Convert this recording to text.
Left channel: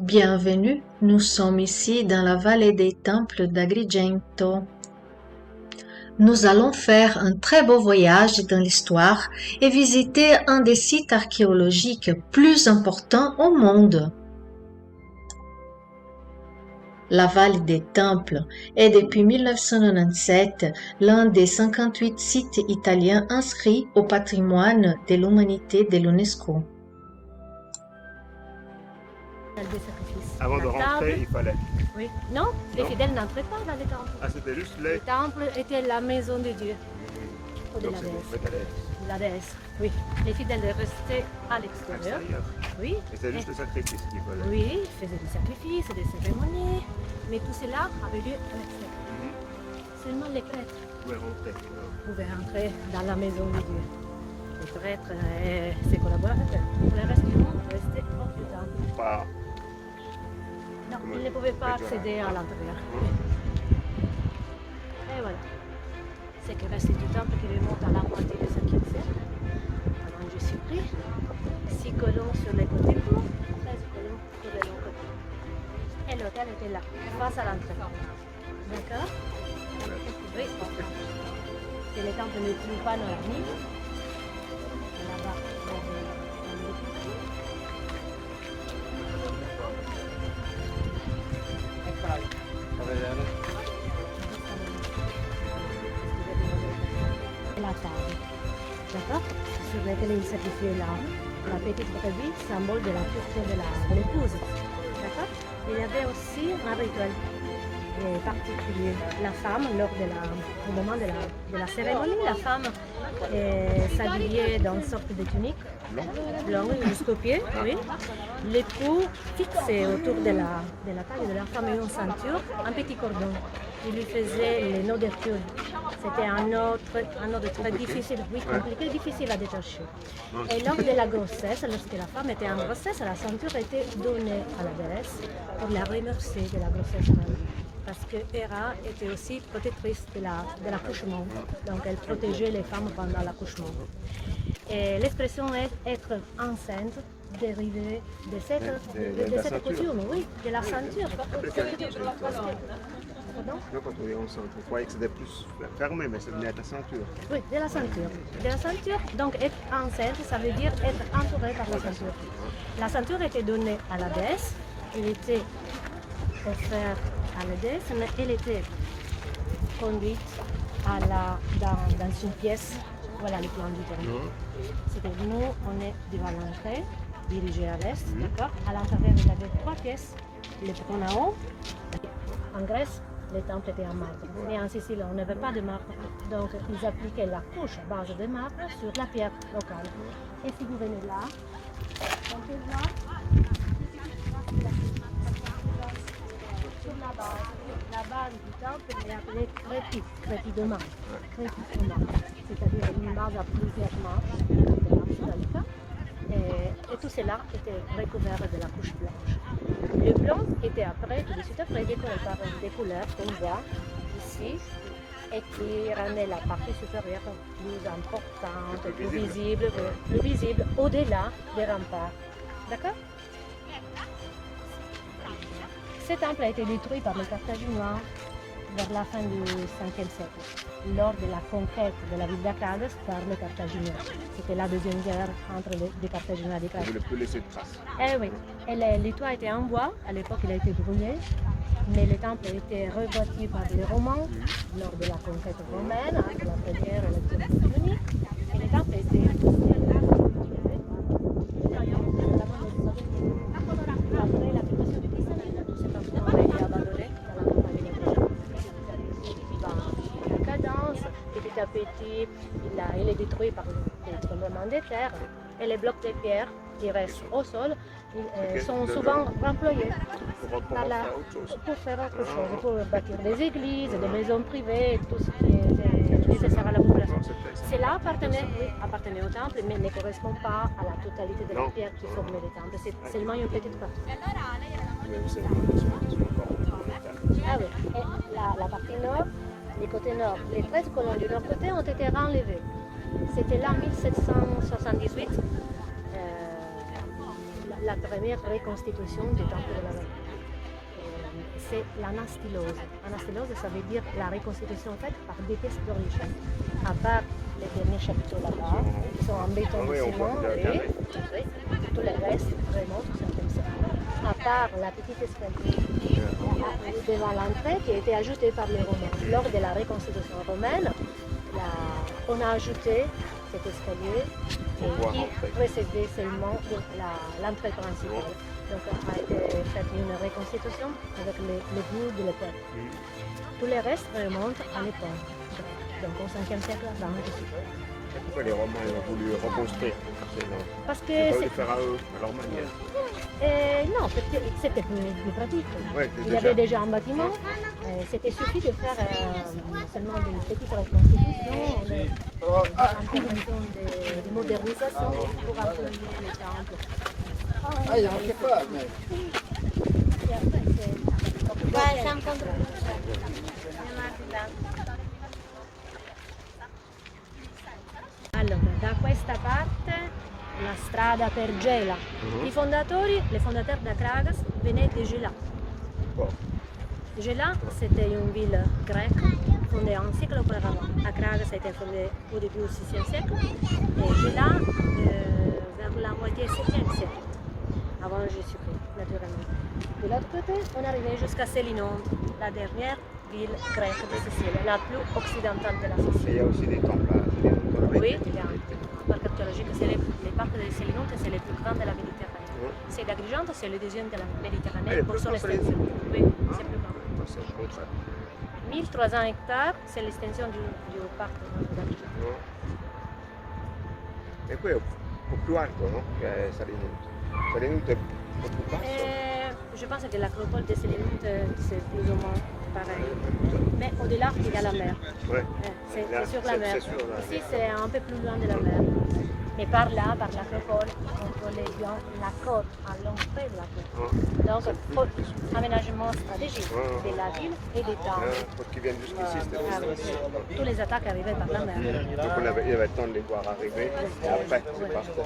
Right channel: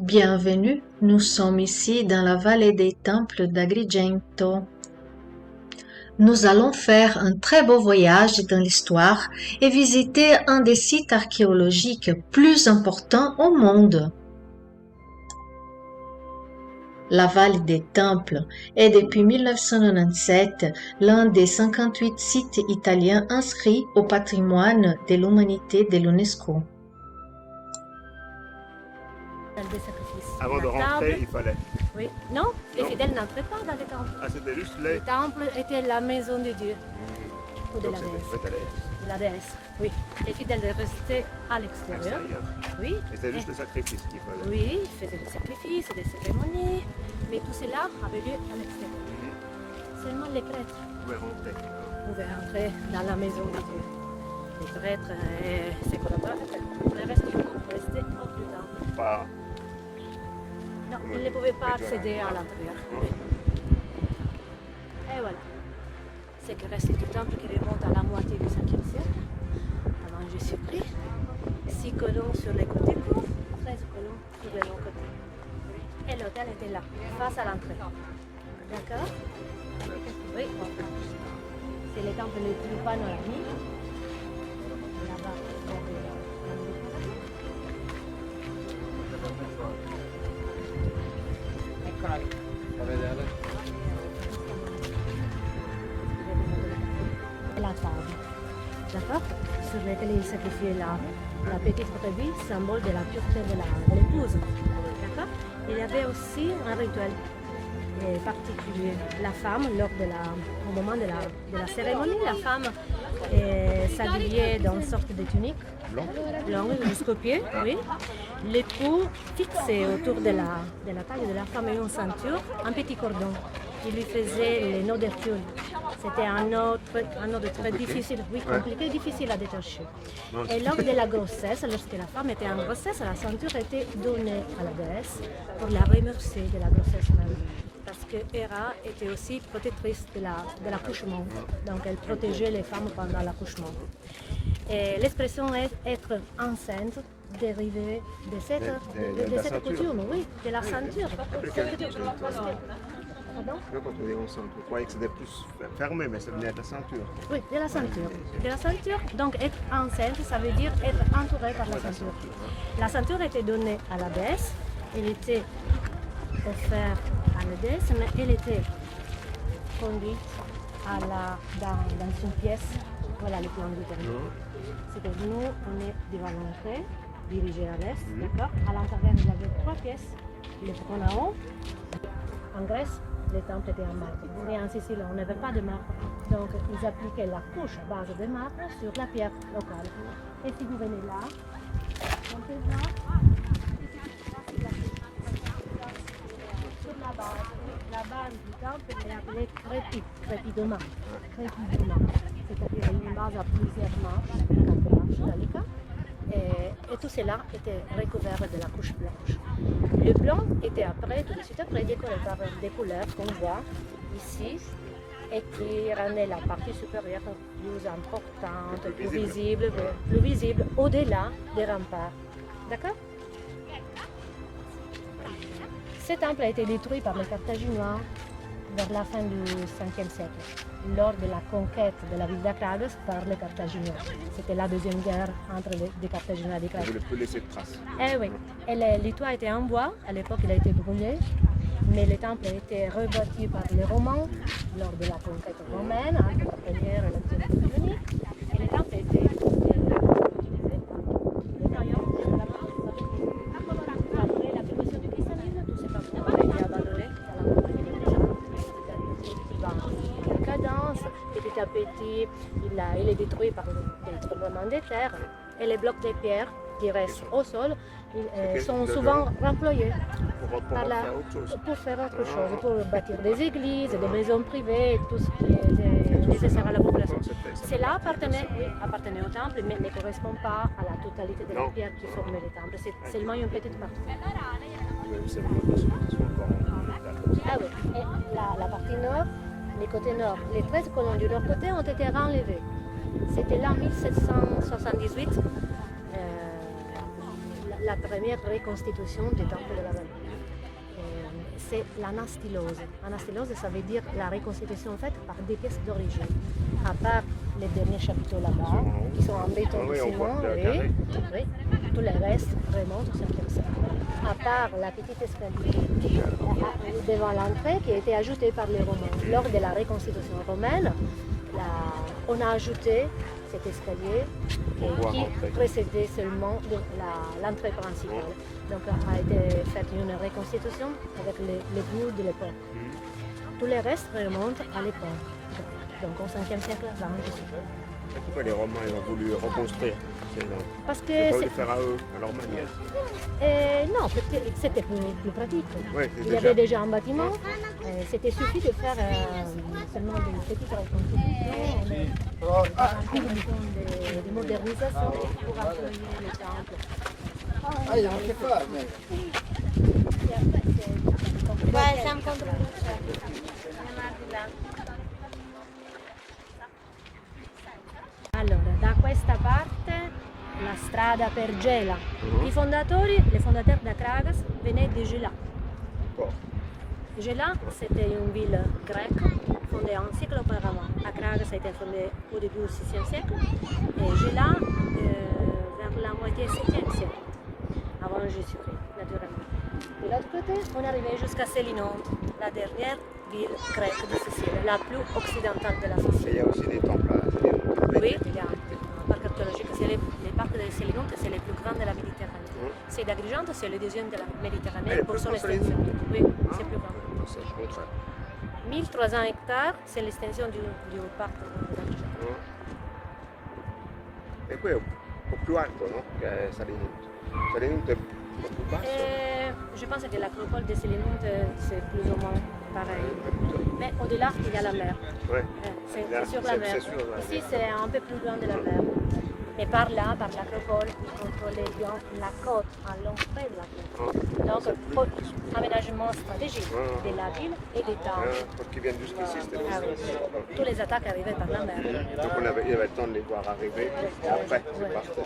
Bienvenue, nous sommes ici dans la vallée des temples d'Agrigento. Nous allons faire un très beau voyage dans l'histoire et visiter un des sites archéologiques plus importants au monde. La vallée des temples est depuis 1997 l'un des 58 sites italiens inscrits au patrimoine de l'humanité de l'UNESCO. Des sacrifices. Avant de rentrer, il fallait. Oui. Non, les Non. fidèles n'entraient pas dans les temples. Ah, c'était juste Le les. temple était la maison de Dieu ou de Donc, la déesse. c'était De la déesse, oui. Les fidèles restaient à l'extérieur. extérieur. Oui. Et c'est juste les sacrifices qu'il fallait. Oui, ils faisaient des sacrifices, des cérémonies, mais tout cela avait lieu à l'extérieur. Mhm. Seulement les prêtres Vous pouvez rentrer. pouvaient entrer dans la maison de Dieu. Les prêtres et ses collaborateurs, pour le reste du monde, restaient hors du temple. Pas. Non, Comme ils ne pouvaient pas les accéder à diamants. l'intérieur. Mhm. Et voilà. C'est que reste du temple qui remonte à la moitié du 5e siècle, avant Jésus-Christ. 6 colonnes sur les côtés pour 13 colonnes sur les longs côtés. Et l'hôtel était là, face à l'entrée. D'accord? Oui. C'est le temple le plus panoramique. Là-bas, il y avait la Méditerranée. Et la table. D'accord? Sur laquelle il sacrifiait la petite brebis, symbole de la pureté de l'épouse. D'accord? Il y avait aussi un rituel particulier. La femme, au moment de la cérémonie, la femme s'habillait dans une sorte de tunique longue jusqu'aux pieds, oui. L'époux fixait autour de la taille de la femme une ceinture, un petit cordon. Il lui faisait les nœuds d'ouverture. C'était un nœud très difficile, oui, compliqué, difficile à détacher. Et lors de la grossesse, lorsque la femme était en grossesse, la ceinture était donnée à la déesse pour la remercier de la grossesse. Parce que Héra était aussi protectrice de l'accouchement. Donc elle protégeait les femmes pendant l'accouchement. Et l'expression être enceinte dérivée de cette coutume, oui, de la ceinture. Pardon? Nous, quand on est enceinte, on croyait que c'était plus fermé, mais ça venait de la ceinture. Oui, de la ceinture. De la ceinture, donc être enceinte, ça veut dire être entourée par la ceinture. La ceinture était donnée à la déesse, elle était offerte à la déesse, mais elle était conduite dans une pièce. Voilà le plan du terrain. C'est que nous, on est devant l'entrée, dirigée à l'est, d'accord? À l'intérieur, il y avait 3 pièces. Le trône en haut. En Grèce, les temples étaient en marbre. Mais en Sicile, on n'avait pas de marbre. Donc, ils appliquaient la couche à base de marbre sur la pierre locale. Et si vous venez là, on peut voir sur la base du temple est appelée crépi de marche. C'est-à-dire une base à plusieurs marches. Et tout cela était recouvert de la couche blanche. Le blanc était après, tout de suite après, décoré par des couleurs qu'on voit ici et qui rendait la partie supérieure plus importante, plus visible au-delà des remparts. D'accord? Ce temple a été détruit par les Carthaginois vers la fin du 5e siècle, lors de la conquête de la ville d'Akragas par les Carthaginois. C'était la deuxième guerre entre les Carthaginois et les On ne Carthaginois. voulait plus laisser de traces. Eh oui, et les toits étaient en bois, à l'époque il a été brûlé, mais le temple a été rebâti par les Romains lors de la conquête romaine, entre la première et la deuxième décennie. Et le temple a été après la création du christianisme, cet empereur a été abandonné dans la cadence. Petit à petit, il est détruit par des tremblements de terre et les blocs de pierre qui restent au sol sont souvent employés pour faire autre chose, pour bâtir des églises, des maisons privées, tout ce qui est nécessaire à la population. Cela appartenait au temple, mais ne correspond pas à la totalité de la pierre qui formait le temple. C'est seulement une petite partie. Mais aussi les fondations qui sont encore en métal. Ah oui, et la partie nord, les côtés nord, les 13 colonnes du nord côté ont été renlevées. C'était là en 1778. la première reconstitution du temple de la Vallée. C'est l'anastylose. L'anastylose, ça veut dire la reconstitution faite par des pièces d'origine. À part les derniers chapiteaux là-bas, qui sont en béton de Oui, on ciment, voit le oui, carré. oui. Tout le reste remonte au 5e siècle. À part la petite escalier devant l'entrée qui a été ajoutée par les Romains. Lors de la reconstitution romaine, on a ajouté cet escalier qui précédait seulement l'entrée principale. Donc a été faite une reconstitution avec les goûts de l'époque. Tout le reste remonte à l'époque. Donc au 5e siècle avant Jésus. Et pourquoi les Romains ont voulu reconstruire? Parce Ils que voulaient faire à eux, à leur manière. non, c'était plus pratique. Ouais, Il y avait déjà un bâtiment, c'était suffit de faire seulement des petites reconstitutions, des modernisations pour accueillir le temple. Et après, Allora, da questa parte la strada per Gela. Le fondatori d'Atragas venaient de Gela. Bon. Gela, c'était une ville grecque fondée un siècle auparavant. Atragas a été fondée au début du 6e siècle. Et Gela, vers la moitié du 7e siècle, avant Jésus-Christ, naturellement. De l'autre côté, on arrivait jusqu'à Sélinonte, la dernière ville grecque de Sicile, la plus occidentale de la Et il y Sicile. a aussi des temples à Oui, il y a un parc archéologique, c'est les parcs de Sélinonte, c'est les plus grands de la Méditerranée. C'est d'Agrigente, c'est le deuxième de la Méditerranée pour son extension. Oui, c'est plus grand. C'est trop très. 1300 hectares, c'est l'extension du parc d'Agrigente. E qui è un po' più alto, no? Che Salinunte. Salinunte è un po' più basso. Je pense que l'acropole de Sélinonte, c'est plus ou moins pareil. Mais au-delà, il y a la mer. Ouais. C'est sur la mer. C'est sur la Ici, mer. c'est un peu plus loin de la mer. Mais par là, par l'acropole, on peut les voir la côte à l'entrée de la ville. Donc, aménagement stratégique de la ville et des temples. Quand ils viennent jusqu'ici, c'était Ah oui. Tous les attaques arrivaient par la mer. Donc il y avait le temps de les voir arriver. Et après, c'est parti.